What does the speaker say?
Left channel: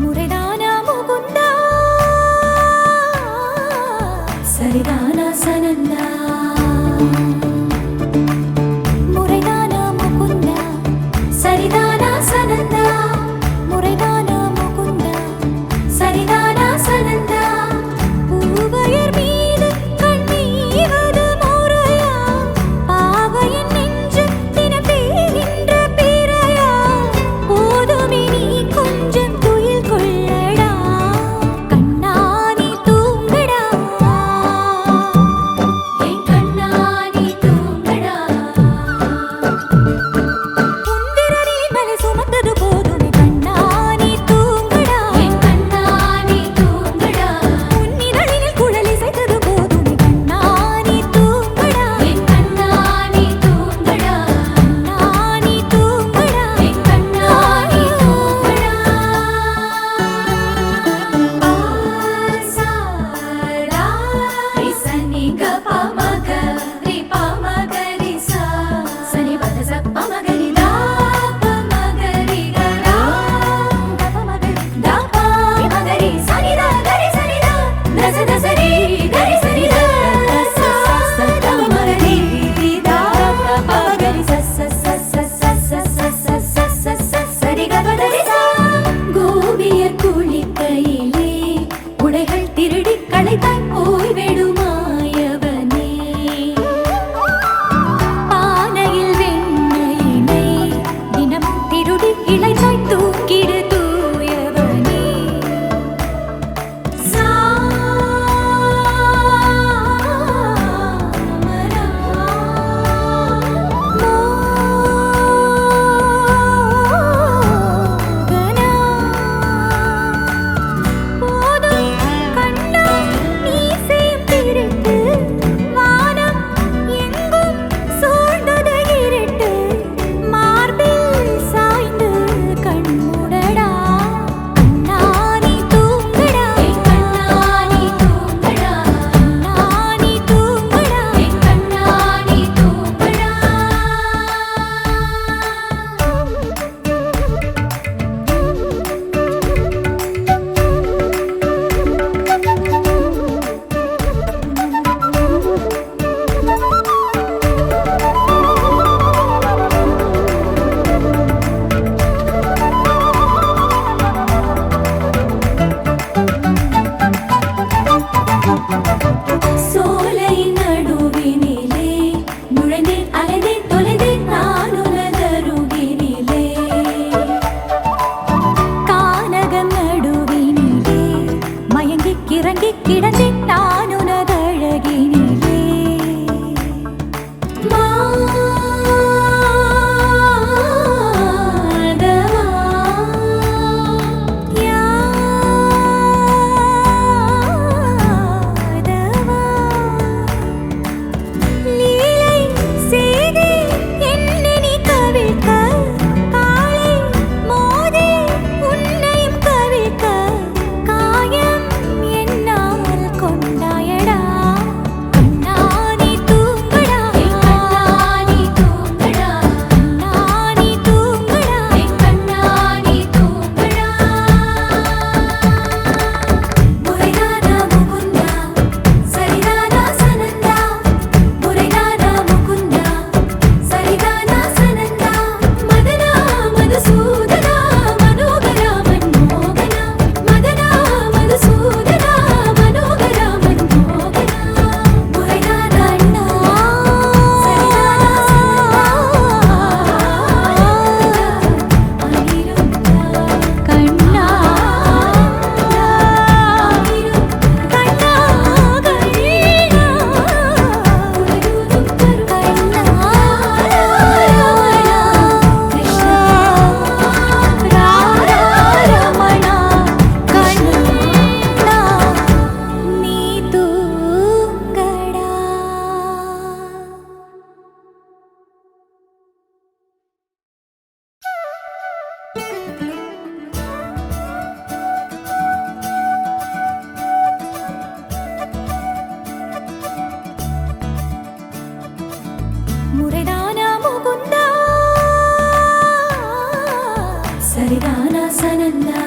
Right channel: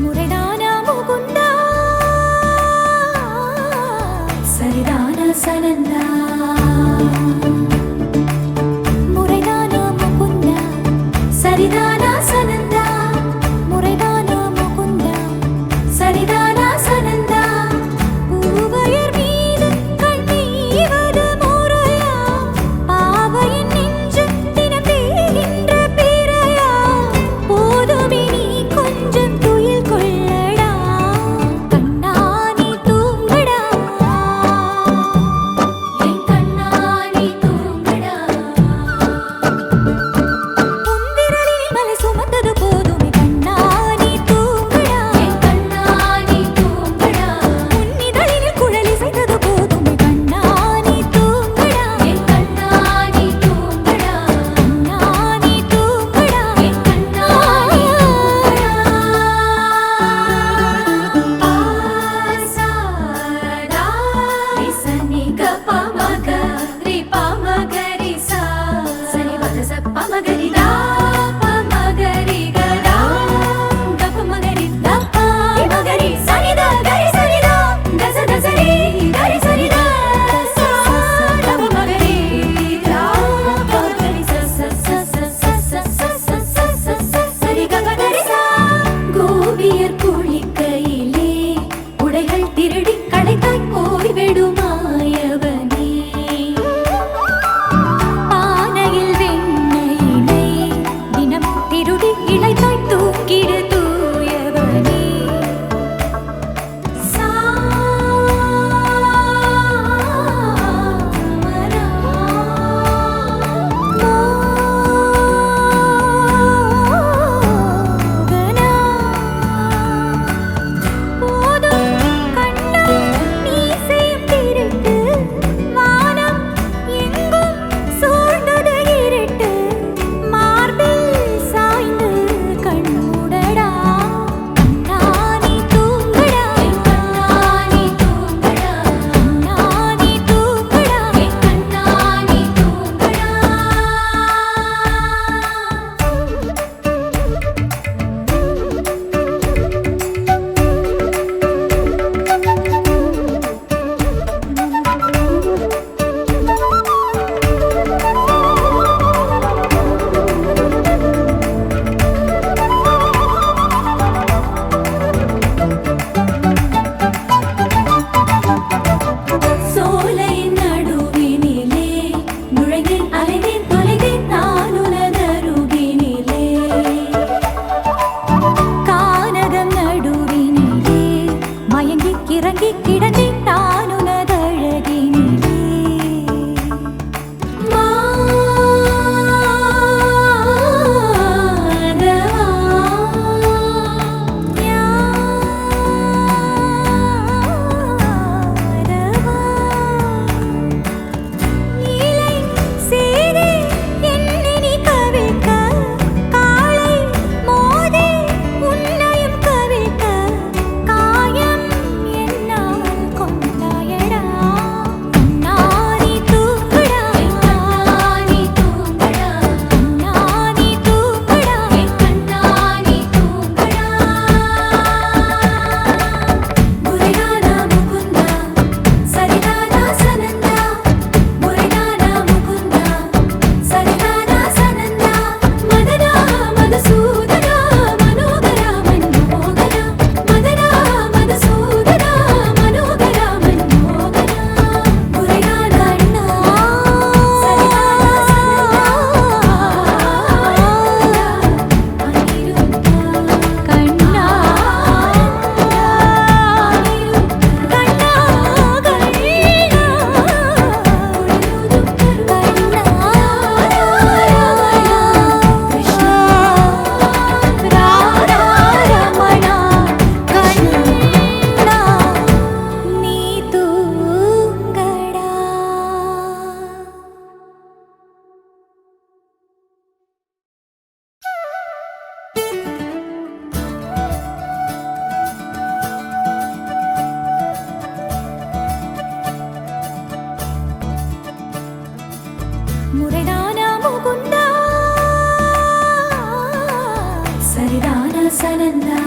முறைதானா முகுந்தா சரிதானா சனந்தா முறைதானா முகுந்தா சரிதானா சனந்தா முறைதானா முகுந்தா சரிதானா சனந்தா பூவையர் மீது கண்ணீவது முறையா பாவையின் நெஞ்சு தினம் தேகின்ற பிறையா போதுமே நீ கொஞ்சம் துயில் கொள்ளடா கண்ணானி தூங்கடா என் கண்ணானி தூங்கடா உந்திரலில் மலை சுமந்தது போதுமே கண்ணானி தூங்கடா என் கண்ணானி தூங்கடா உன்னிதழில் குழலி செய்தது போதுமே கண்ணானி தூங்கடா என் கண்ணானி தூங்கடா கண்ணானி தூங்கடா என் கண்ணானி தூங்கடா ஆசாரா ரிசனி கபமக ரிபமகரிசா சனி பதச பமகரிதா பமகரி கரா கபமகரி தபா மகரி சனிதா கரி சனிதா நச நசரி கரி சனிதா ச ச பமகரி தா பமகரி ச ச ச ச ச ச ச சரி கபதரிசா கோபியர் குளிக்கையிலே உடைகள் திருடி களைத்தாய் போய்விடுமாயவனே பானையில் வெண்ணையினை தினமும் திருடி இளைத்தாய் தூக்கிடு தூயவனே மோகனா போதும் கண்ணா நீ செய்யும் திருட்டு வானம் எங்கும் சூழ்ந்தது இருட்டு மார்பில் சாய்ந்து கண்மூடடா கண்ணானி தூங்கடா கண்ணானி தூங்கடா கண்ணானி தூங்கடா கண்ணானி தூங்கடா சோலையின் நடுவினிலே நுழைந்தேன் அலைந்தேன் தொலைந்தேன் நான் உனதருகினிலே கானகம் நடுவினிலே மயங்கி கிறங்கி கிடந்தேன் நான் உனதழகினிலே லீலை செய்தே என்னை நீ கவிழ்க்க காலை மோதே உன்னையும் கவிழ்க்க காயம் என்னால் முறைதானா முகுந்தா சரிதானா சனந்தா